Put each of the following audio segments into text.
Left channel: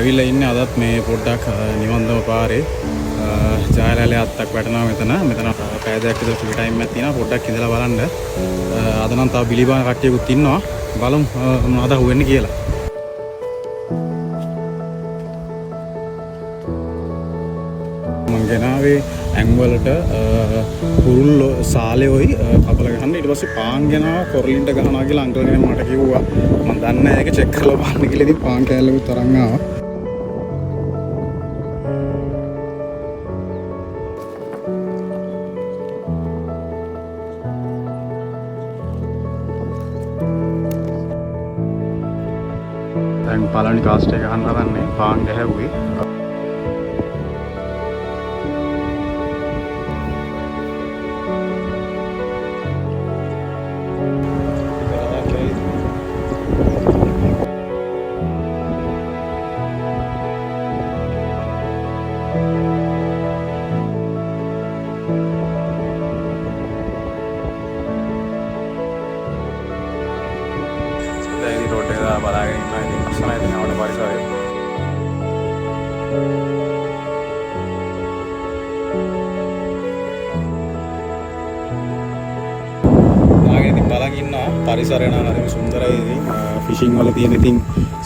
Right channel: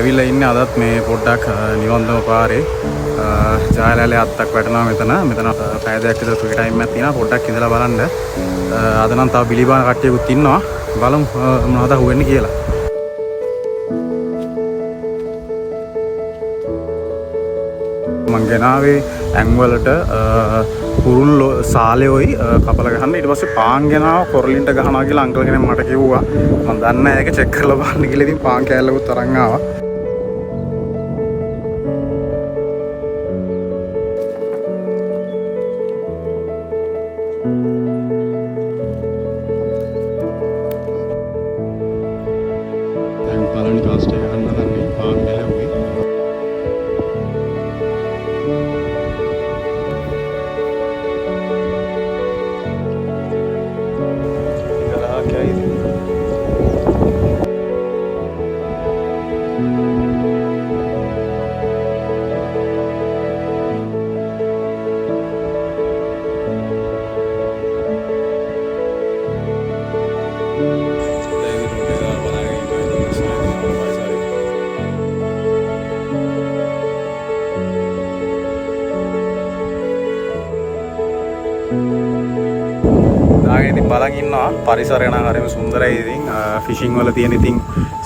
ඇවිල්ලා ඉන්නේ අදත් මේ පොඩ්ඩක් නිවන්දම පාරේ ජායලැලේ අත්තක් වැටෙනවා මෙතන පැය දෙකක් විතර ෆ්‍රී ටයිම් එකක් තියෙනවා පොඩ්ඩක් ඉඳලා බලන්න. අද නම් තව බිලිබාන කට්ටියකුත් ඉන්නවා. බලමු මොනවද හුවෙන්නේ කියලා. මං ගෙනාවේ ඇඟවලට කුරුල්ල සාලෙෝයි කපල ගහන්න. ඊට පස්සේ පාන් ගෙනාව කොරලින්ට ගහනවා කියලා අංකල් කෙනෙක් මට කිව්වා. මම දන්නේ නැහැ ඒක චෙක් කරලා බලන්න කියලා. ඉතින් පාන් කෑල්ලකුත් තරන් ආවා. දැන් පළවෙනි කාස්ට් එක ගන්න හදන්නේ පාන් ගැහුවේ. බලන් ඉන්නවා පරිසරය නම් හරිම සුන්දරයි. ඉතින් ෆිෂින් වල තියෙන ඉතින්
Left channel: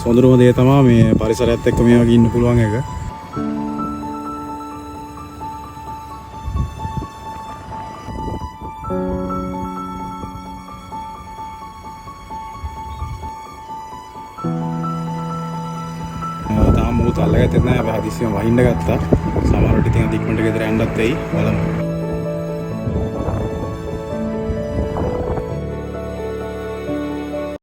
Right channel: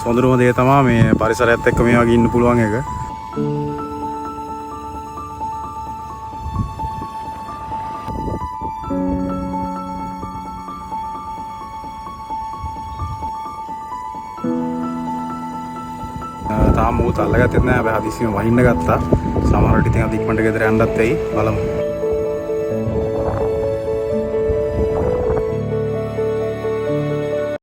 සොඳුරුම දේ තමයි මේ පරිසරයත් එක්ක මේ වගේ ඉන්න පුළුවන් එක. තාම මොහොත අල්ලගත්තේ නැහැ. හැබැයි හදිස්සියෙන් වහින්න ගත්තා. සමහර විට ඉතින් අද ඉක්මනට ගෙදර යන්නත් වෙයි. බලමු.